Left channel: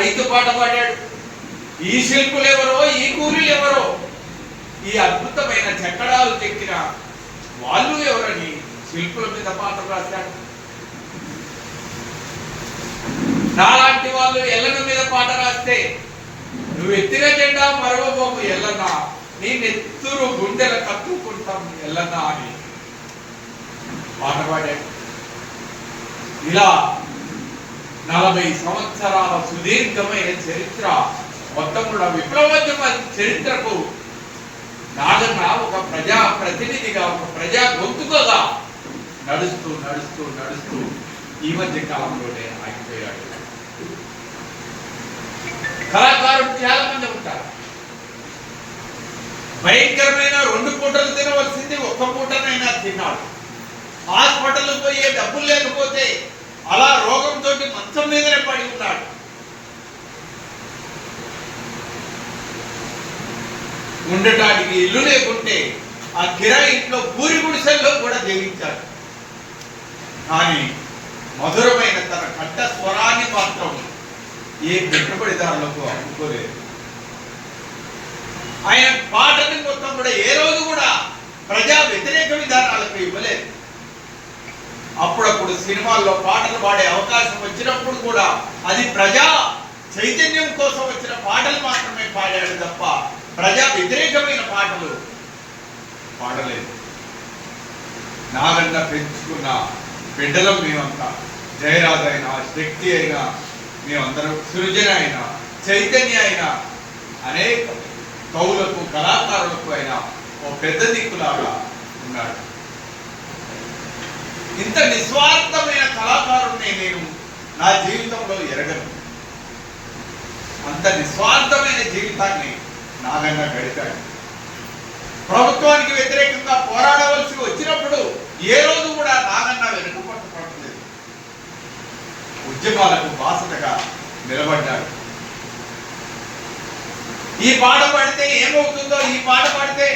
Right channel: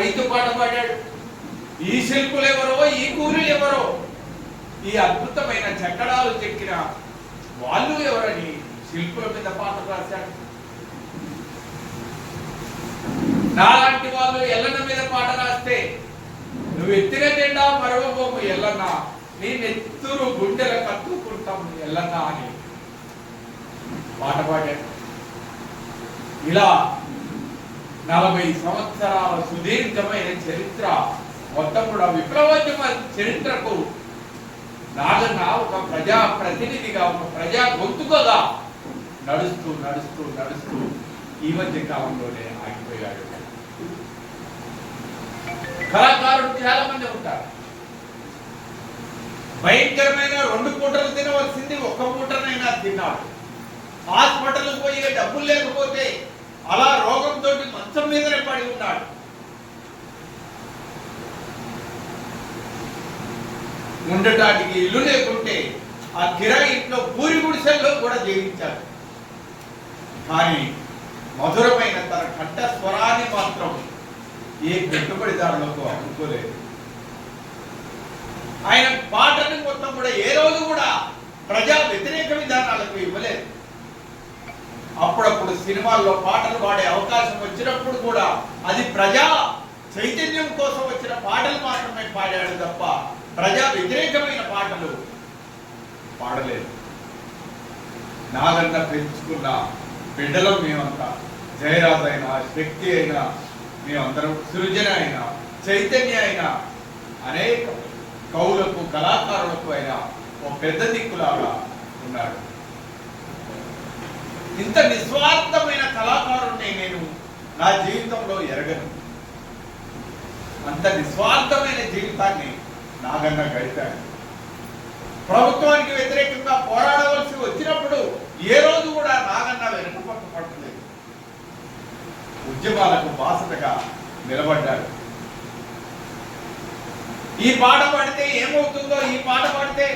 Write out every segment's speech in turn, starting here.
రైతు పాట పాడాడు. ఈ శిల్పులు ఎవరో, ఈ కూలీలు ఎవరో, ఈ అద్భుతమైన చెక్కడాలు చెక్కిన వాళ్ళు ఎవరని శిల్పుల మీద పాటలు రాశాడు. నాలాంటి వాళ్ళు ఎల్లన్న మీద పాట రాస్తే, నువ్వు ఎత్తిన జెండా మరవబోము ఎల్లన్న, నీ నెత్తురు గుండెల కత్తుకుంటాం ఎల్లన్న అని పాట పాడాడు. ఇలా 40 సంవత్సరాల సుదీర్ఘమైన చరిత్ర మొత్తం కూడా విప్లవోద్యమ చరిత్రకు నాగన్న ఒక ప్రజా ప్రతినిధిగా, ఒక ప్రజా గొంతుకగా నడుస్తూ నడుస్తూ నడుస్తూ ఈ మధ్య కాలంలోనే ఆగిపోయాడు. కళాకారులు చాలా మంది ఉంటారు. భయంకరమైన 2 పూటలు తినవలసింది 1 పూటనైనా తిన్నాడు. హాస్పిటల్ పోయే డబ్బులు లేకపోతే అలా రోగంతో మంచం మీదనే పడి ఉన్నాడు. ఉండటానికి ఇల్లు లేకుంటే ఆ కిరాయి ఇంట్లో పూరి గుడిసెల్లో కూడా జీవించాడు. కానీ మధురమైన తన కంఠ స్వరాన్ని మాత్రం ఏ పెట్టుబడిదారులకు అనుకోలేదు. ఆయన పాటని మొత్తం కూడా ఏ రోజు కూడా ప్రజా వ్యతిరేక విధానాలకు ఇవ్వలేదు. అప్పుడప్పుడు సినిమాల్లో పాటలు పాడే అవకాశం వచ్చినప్పుడు కూడా అది ప్రజా చైతన్యం కోసం వచ్చిన పాటలు మాత్రమే పాడాడు తప్ప ప్రజా వ్యతిరేకమైన పాటలు పాడలేదు. నాగన్న పెంచుకున్న బిడ్డలం మేమంతా, జయరాజు అయినా, శక్తి అయినా, మేమందరం సృజన అయినా, చైతన్య అయినా, అనేక కవులకు కళాకారులకు అయినా ఓ పెద్ద దిక్కులాగా ఉన్నాడు. ఇంత నిస్వార్థమైన కళాకారుడిని నేను నా జీవితంలో ఎరగను. అంత నిస్వార్థమైన జీవితాన్ని నాగన్న గడిపాడు. ప్రభుత్వానికి వ్యతిరేకంగా పోరాడవలసి వచ్చినప్పుడు ఏ రోజు కూడా నాగన్న వెనుకపట్టలేదు. ఉద్యమాలకు బాసటగా నిలబడ్డాడు. ఈ పాట పాడితే ఏమవుతుందో, ఈ పాట పాడితే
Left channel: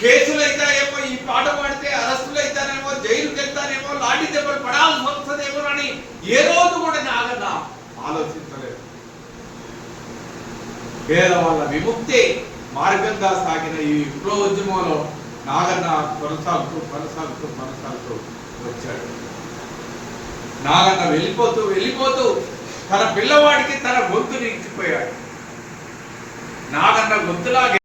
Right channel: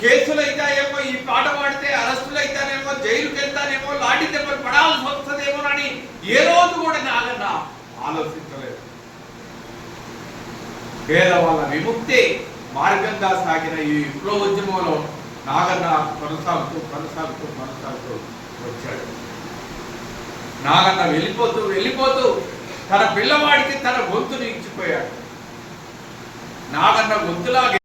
కేసులు అవుతాయేమో, ఈ పాట పాడితే అరెస్టులు అవుతానేమో, జైలుకి వెళ్తానేమో, లాఠీ దెబ్బలు పడాల్సి వస్తుందేమో అని ఏ రోజు కూడా నాగన్న ఆలోచించలేదు. పేదవాళ్ళ విముక్తి మార్గంగా సాగిన ఈ విప్లవోద్యమంలో నాగన్న కొనసాగుతూ కొనసాగుతూ కొనసాగుతూ వచ్చాడు. నాగన్న వెళ్ళిపోతూ వెళ్ళిపోతూ తన పిల్లవాడికి తన గొంతుని ఇచ్చిపోయాడు. నాగన్న గొంతులాగే